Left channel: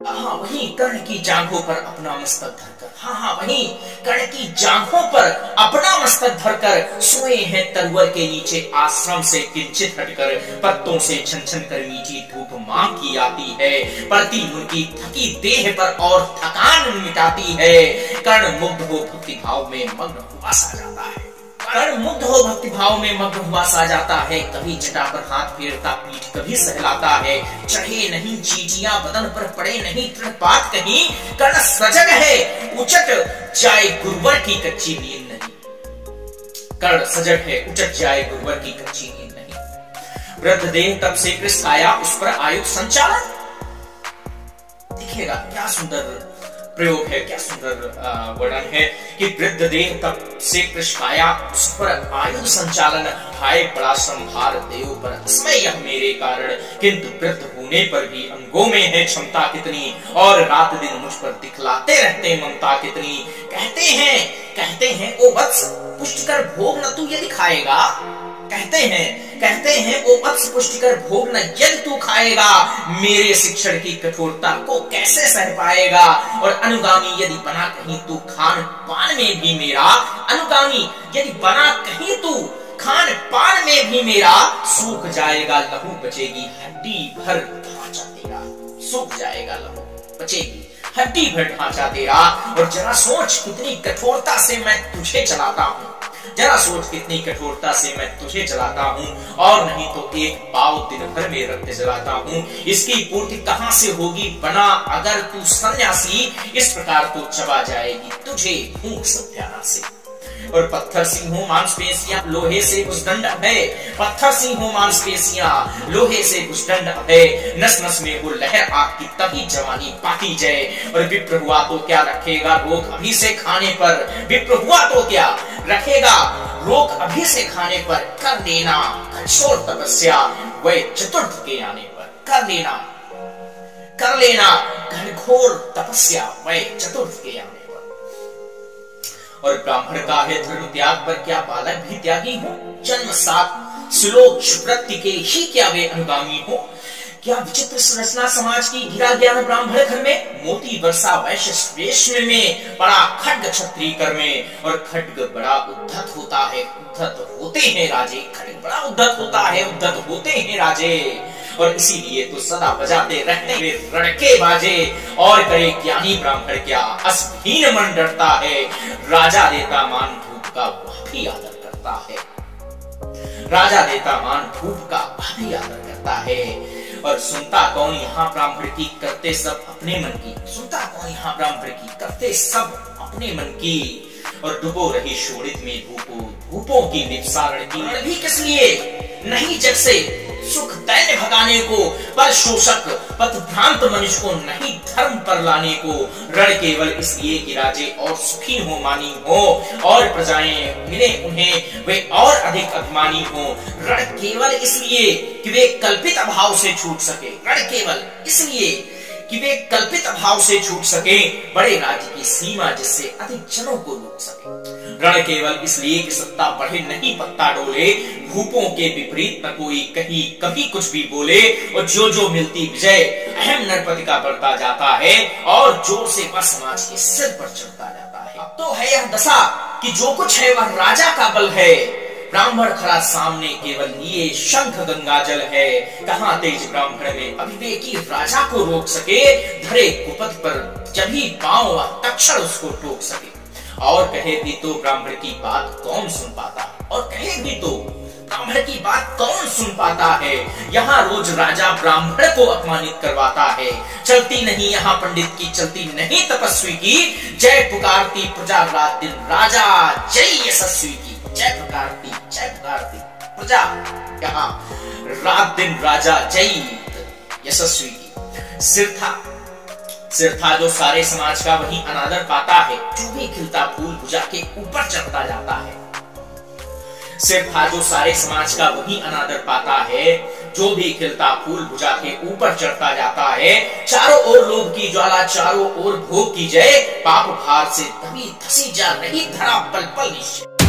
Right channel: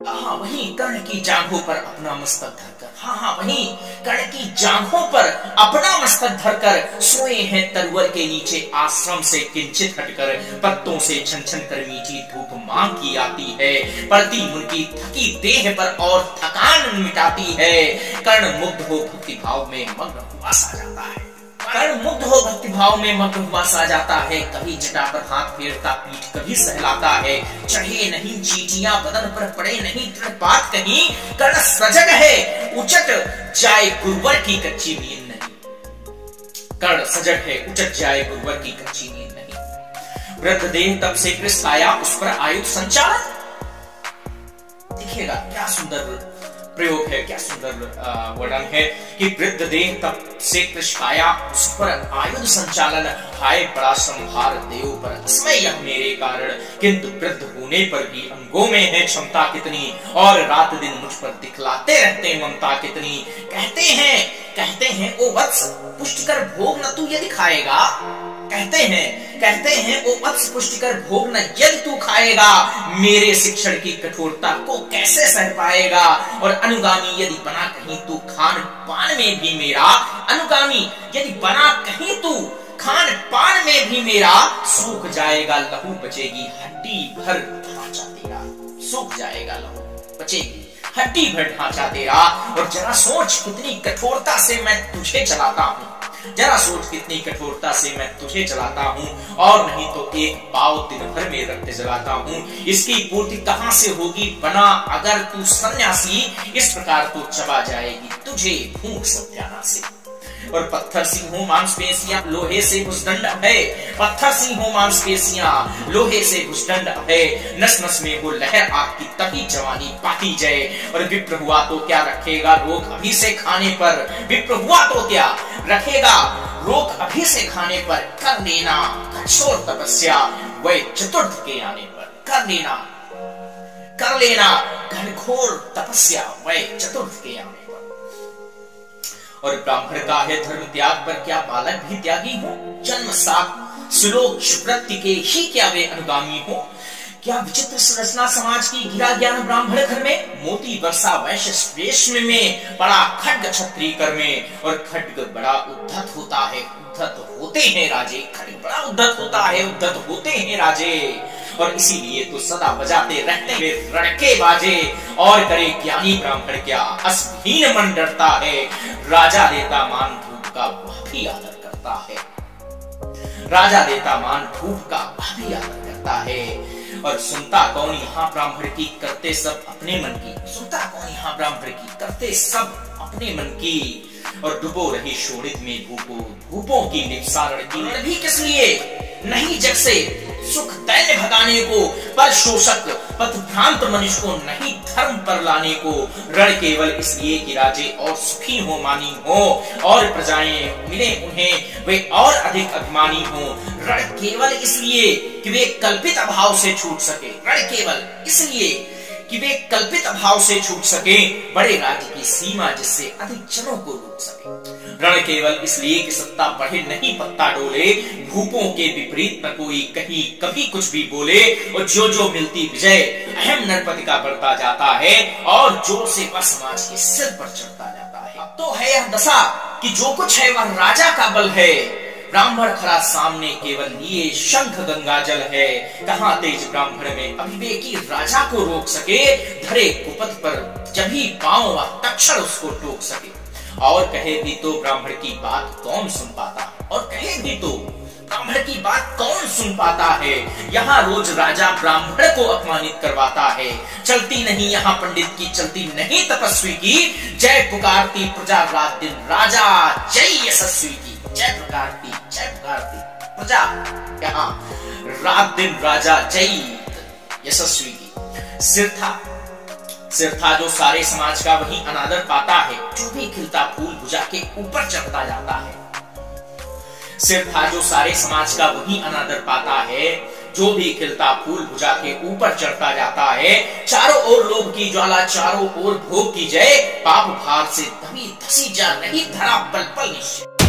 हाँ, वहीं कर्ण की जांघों पर अपना मस्तक धरकर, हाँ वहीं कर्ण की जांघों पर अपना मस्तक धरकर सोए हैं तरवर के नीचे आश्रम से किंचित हटकर। पत्तों से छन छन कर मीठी धूप मां की आती है, पड़ती उनकी थकी देह पर और थकान मिटाती है। कर्ण मुग्ध हो भक्ति भाव में मग्न हुआ सा जाता है, कर्ण मुग्ध हो भक्ति भाव में मग्न हुआ सा जाता है। कभी जटा पर हाथ फेरता, पीठ कभी सहलाता है। चढ़े नहीं चीटियां बदन पर, पड़े नहीं तृणपात कहीं। कर्ण सजग है, उचट जाए गुरुवर की कच्ची नींद नहीं। कर्ण सजग है, उचट जाए गुरुवर की कच्ची नींद नहीं। वृद्ध देह तब से कृष्ण आया, उस पर आयुध संचालन। दिखेगा क्या सुंदर प्रयोग है, क्या सुंदर वर्णन है कि वृद्ध देह तब से कृष्ण आया, उस पर आयुध संचालन। हाय बड़ा संभार देव पर अस्मय यह मेरे कारण, किंतु वृद्ध होने पर भी अंगों में है क्षमता कितनी, और रात दिन मुझ पर दिखलाते रहते ममता कितनी। कहते हैं ओ वत्स पुष्टिकर भोग न तू यदि खाएगा। कहते हैं ओ वत्स पुष्टिकर भोग न यदि तू खाएगा। मेरे शिक्षण की कठोरता को कैसे सह पाएगा, और अनुगामी यदि बना कहीं तू खान पान में भी मेरा। अनुगामी यदि बना कहीं तू खान पान में भी मेरा, सूख जाएगा लहू बचेगी हड्डी भर ढांचा तेरा। सूख जाएगा लहू बचेगी हड्डी भर ढांचा तेरा। और जरा सोच कितनी कठोरता से मैं तुझे चलाता हूँ, जरा सोच कितनी कठोरता से मैं तुझे चलाता हूँ। और नहीं तो एक पाव दिन भर में रक्त जलाता हूँ, इसकी पूर्ति कहाँ से होगी बना अगर तू सन्यासी। इस प्रकार तो चबा जाएगी तुझे भूख सत्यानाशी। और पत्थर सी हो मांसपेशियां लोहे से भुजदंड है। पत्थर सी हो मांसपेशियां लोहे से भुजदंड है। नस नस में वो लहर आग की तभी जवानी पाती जाए। और विप्र हुआ तो क्या रखेगा रोग अभी से खाने पर। विप्र हुआ तो क्या रखेगा रोग अभी से खाने पर। कर लेना कठोर तपस्या वह चतुर्थ के आने पर। कर लेना घनघोर तपस्या वह चतुर्थ के आने पर। और ब्राह्मण का है धर्म त्याग पर, क्या बालक भी त्यागी हो। जन्म सात श्लोक वृत्ति के ही क्या वे अनुगामी हो। क्या विचित्र संरचना समाज की, गिरा ज्ञान ब्राह्मण घर में। मोती वर्षा वैश्य श्रेष्ठ में, बड़ा खड्ग क्षत्रिय कर में। और खड्ग बड़ा उद्धत होता है, उद्धत होते हैं राजे। खड्ग बड़ा उद्धत होता है, उद्धत होते हैं राजे। और इसीलिए तो सदा बजाते रहते वे रड़के बाजे। और करे ज्ञानी ब्राह्मण क्या, असहीन मन डरता है। राजा देता मान धूप का वह भी आदर करता है। राजा देता मान धूप का वह भी आदर करता है। और सुनता कौन यहाँ ब्राह्मण की, करते सब अपने मन की। सुनता कौन यहाँ ब्राह्मण की, करते सब अपने मन की। और डुबो रही शोणित में धूपों की निपसारण की। भी किस लिए नहीं जग से सुख दैन्य भगाने को, पर शोषक पथ भ्रांत मनुष्य को नहीं धर्म पर लाने को। रण केवल इसलिए कि राजे और सुखी हो मानी हो, और प्रजाएं मिले उन्हें वे और अधिक अभिमानी हो। रण केवल इसलिए कि वे कल्पित अभाव से छूट सके। रण केवल इसलिए कि वे कल्पित अभाव से छूट सके। बड़े राज्य की सीमा जिससे अधिक जनों को लूट सके। रण केवल इसलिए कि सत्ता बढ़े नहीं पत्ता डोले। भूपों के विपरीत न कोई कहीं कभी कुछ भी बोले। और जो जो मिलती विजय अहम नरपति का बढ़ता जाता है, और जोर से वह समाज के सिर पर चढ़ता जाता है। अब तो है यह दशा कि जो कुछ है वह राजा का बल है। ब्राह्मण खड़ा सामने केवल लिए शंख गंगा जल है। कहाँ तेज ब्राह्मण में अविवेकी राजा को रोक सके। धरे कुपथ पर जब ही पांव व तक्षण उसको टोक सके। और कहे भी तो ब्राह्मण की बात कौन सुन पाता, और कहे भी तो ब्राह्मण की बात कौन सुन पाता है। यहाँ रोज राजा ब्राह्मण को अपमानित करवाता है। चलती नहीं यहाँ पंडित की, चलती नहीं तपस्वी की। जय पुकारती प्रजा रात दिन राजा जय यशस्वी की। जय पुकारती प्रजा यहाँ रात दिन राजा जय यशस्वी की। सिर था जो सारे समाज का वही अनादर पाता है। जो भी खिलता फूल भुजा के ऊपर चढ़ता जाता है। सिर था जो सारे समाज का वही अनादर पाता है। जो भी खिलता फूल भुजा के ऊपर चढ़ता जाता है। चारों ओर लोभ की ज्वाला, चारों ओर भोग की जय। पाप भार से दबी धसी जा रही धरा पल पल निश्चय।